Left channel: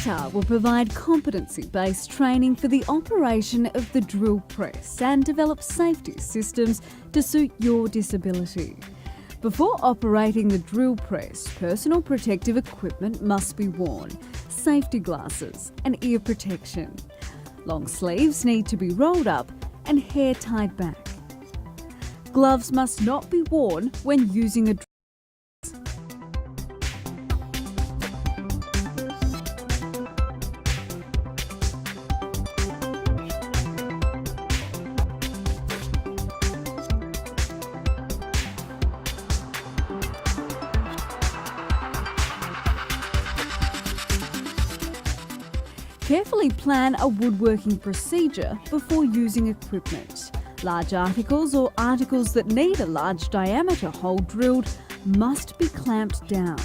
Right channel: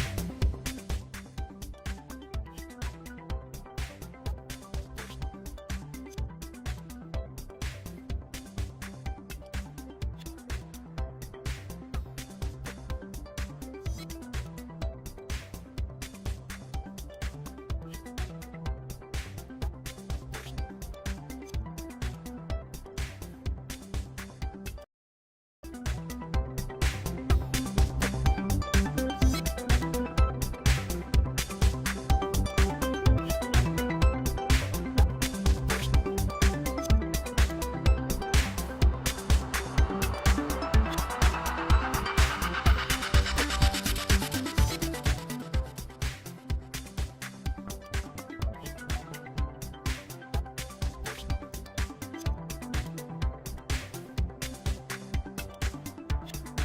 CATA will provide competency-based training for the operation of the drill press and develop safety systems to suit your disability. Before operating the drill press, personal protective equipment must be worn, safety glasses and ear protection. Long sleeves need to be rolled up and hair tied back. Gloves must not be worn when using a drill. Carefully plan a woodworking procedure before using equipment. Large articles or articles that need a large diameter hole drilled must be clamped down.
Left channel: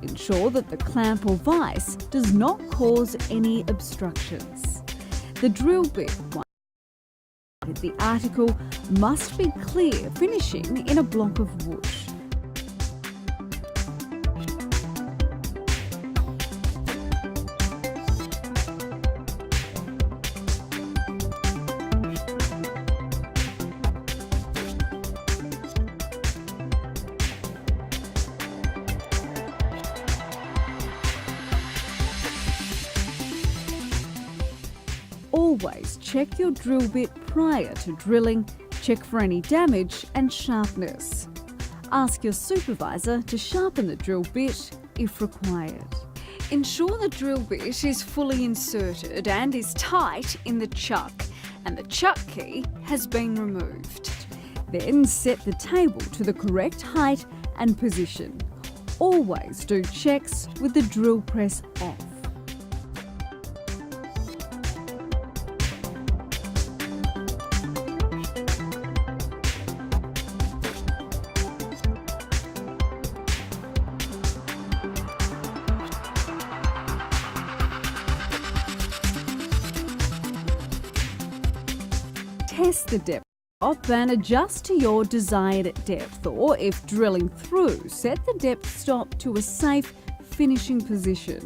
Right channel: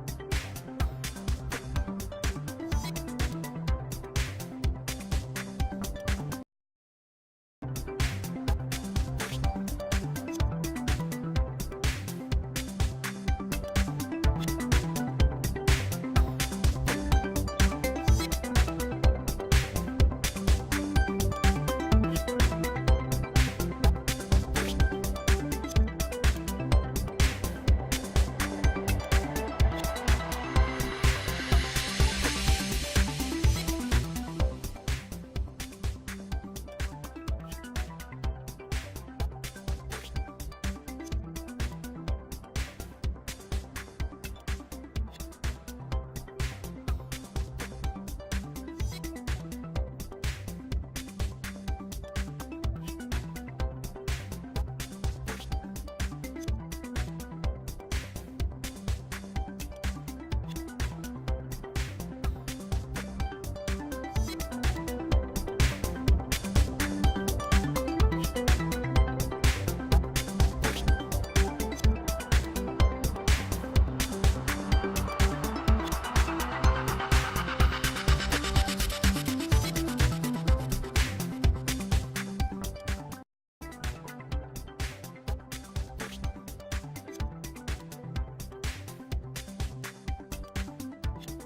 Ensure that the clamp or vise does not cause any obstructions. The drill bit the article must be clear, finishing in a block of wood. Always check your drill bit prior to drilling, check for any damage and sharpness. Ask your supervisor to sharpen the drill bit if required. Ensure the drill bit is fully inserted and is tight in the chuck, and the chuck key has been removed. Then set the table to the correct height and position. Always do checks with the drill press off. Test the depth stop and adjust to your desired depth, or if drilling through, set the depth stop to a safe finishing position.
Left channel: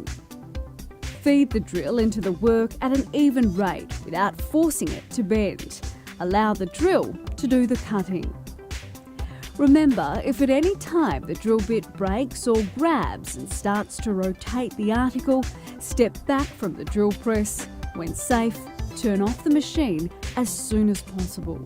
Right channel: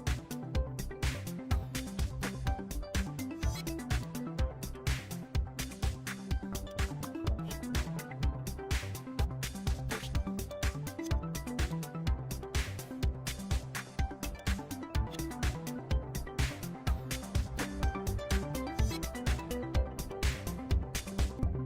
Feed the drill into the work at an even rate without forcing it to bend. Allow the drill to do the cutting. Remember, if at any time the drill bit breaks or grabs and starts to rotate the article, step back from the drill press. When safe, turn off the machine as soon as possible.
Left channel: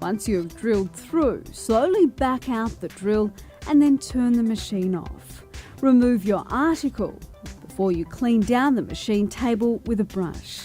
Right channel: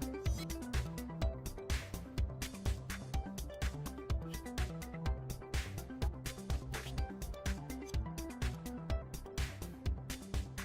Once you have drilled through, slowly back out the drill and then turn the machine off. Remove your article before you clean down the machine table with a brush.